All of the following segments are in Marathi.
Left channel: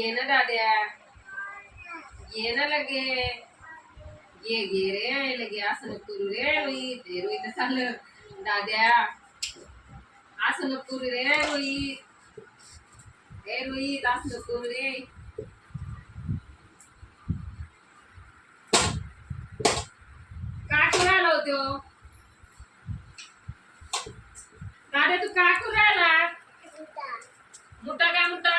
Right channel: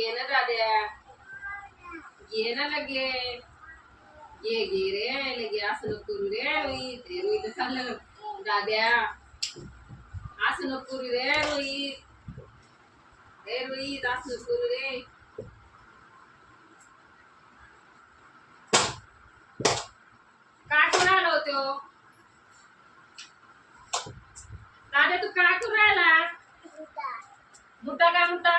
घे ना दाद्या घे ना लगे घे घे रे लगे असं नको करू रे रोहित हे रोहित झालं दाद्या असं नको करू रे रोहित हे रोहित असं करू रे काय करू राहिला होतो दादा तू काय करू राहिला मुठा काय मुठा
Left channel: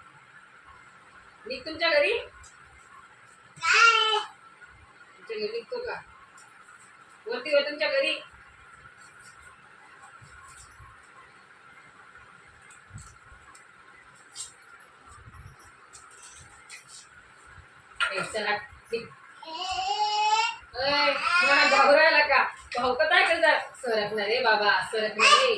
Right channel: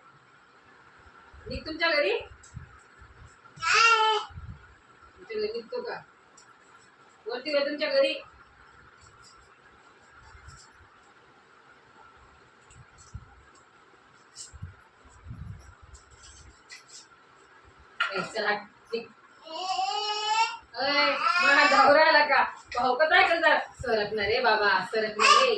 निघ तुमच्या घरी. तुमच्या घरी निघतो का? वरती वर तुमच्या घरी. चला मला घाबरायला का? भाऊ का काय करतात सरकणार रे बाबा सरकणार रे.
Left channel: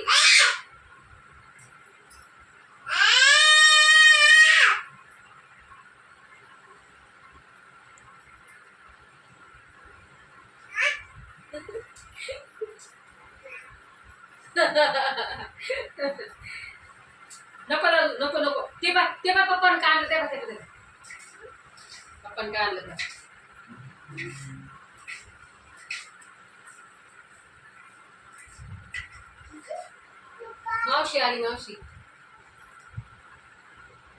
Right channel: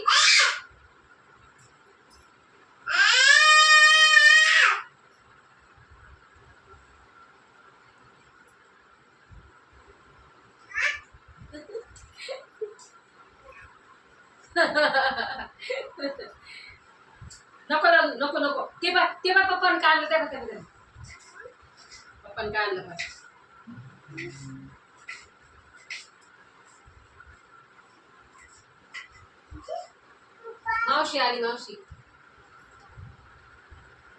नको नको नको ते बघ ते बा पप्पान काय आणलं ते बा ते बघ काय आणलं मावशी आली मावशी.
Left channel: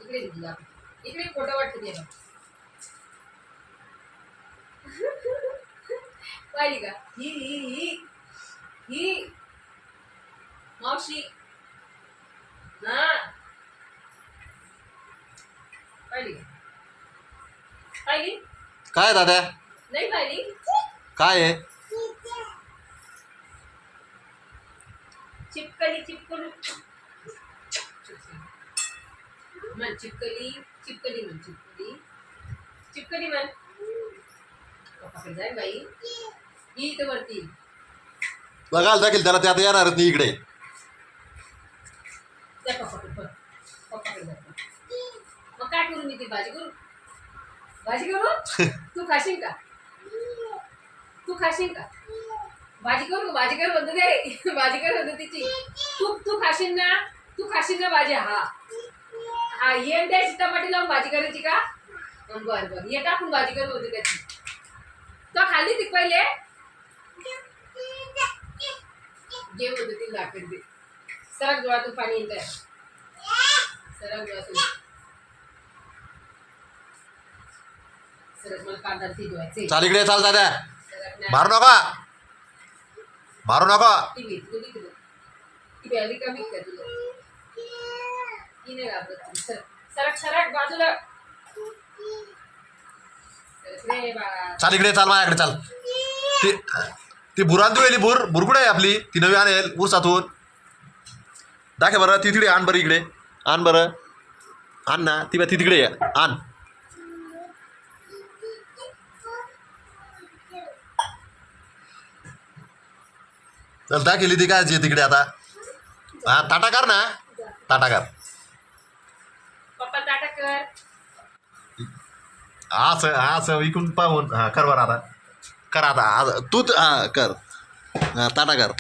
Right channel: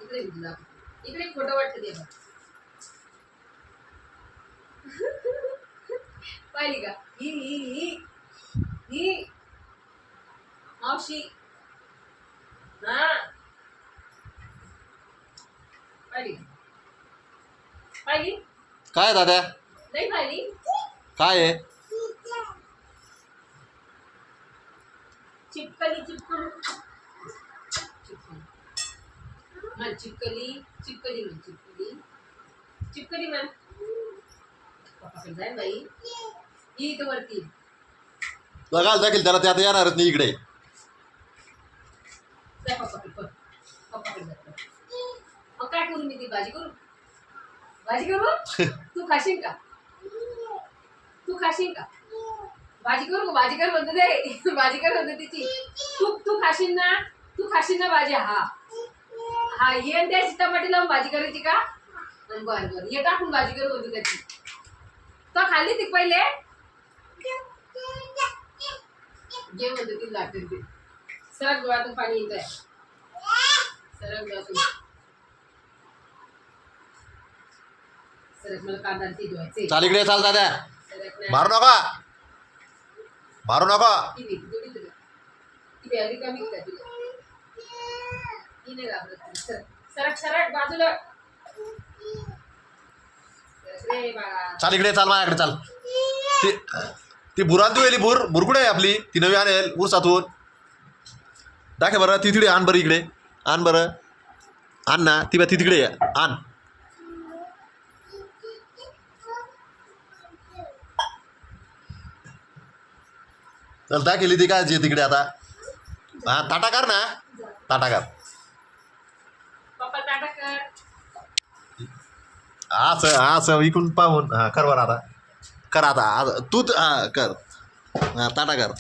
इकडे इकडे खोटं वाटतं ते पाहिली का? ही ही ही. ही. मावशी. हा. पाहिली. काय दादा? नाही पाहिली. काय आहे? चिपकली चिपकलू. म्हण चिपकली चिपकली म्हण चिपकली. चिपकली म्हण. पप्पाकडे जाय बाई. ही इथं वरती. बघायला दाखील त्याला ते आता येणारच नाही इकडे. जा पप्पाकडे पण पप्पाकडे जा मग काय करू मी ती भाजी करू? भाजी करू? तू खाशील का? तू खाशील का? भाजी करू भाजी कर म्हणतो ते. भाजी कर म्हणतो तिची. तू तू खाशील ना? तू खाशील ना भाजी? हा. हा ये द्यायची टमाटे लावून भाजी करायची का? बरं बरं ये टाकून भाजी करत होती त्याची. तर खाल्ली ती पहिले? घे म्हणतो ती लागते ते सरक डोळ्यातून पाणी येत आहे सरक डोळ्यातून सरक मला कांदा ती धुवायचे चाल इकडे चाल दादा. सरक नाही मारू नका. मारू नका. ती भीती गेली तुला. ती प्यायली कमी का तुला? ती नाही घाबरत तुला. सरक सरक सरक बाजूला. सरक रे बाळा. चाल इकडे चाल माझ्याकडे चाल. ती ती बुरान तू येली बुर. बुर कुठे आहे आपली. ती नवी आणेल ऊसातून दाखे बरं ती तिकडे आण बरं इकडे. आण बरं. आण ना ती बा ती तिकडे. आण. चल दाखिली ती काय तिकडे आता. हा ताटा कर ना. ताटा कर. असं असं इकडून पाहून हा कर बरं आता. कर आता. तू हा कर. हा ताटा कर.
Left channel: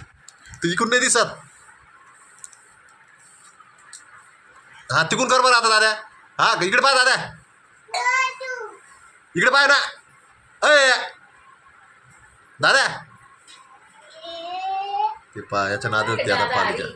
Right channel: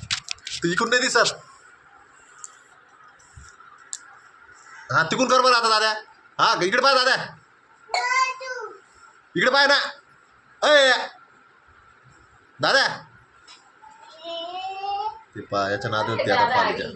तू इकडून नाही दिसत. हा तिकडून कर बरं आता दादा. हा इकडे पाय दादा. इकडे पाय ना. अय दादा. ते पा याच्या नादात ते आता.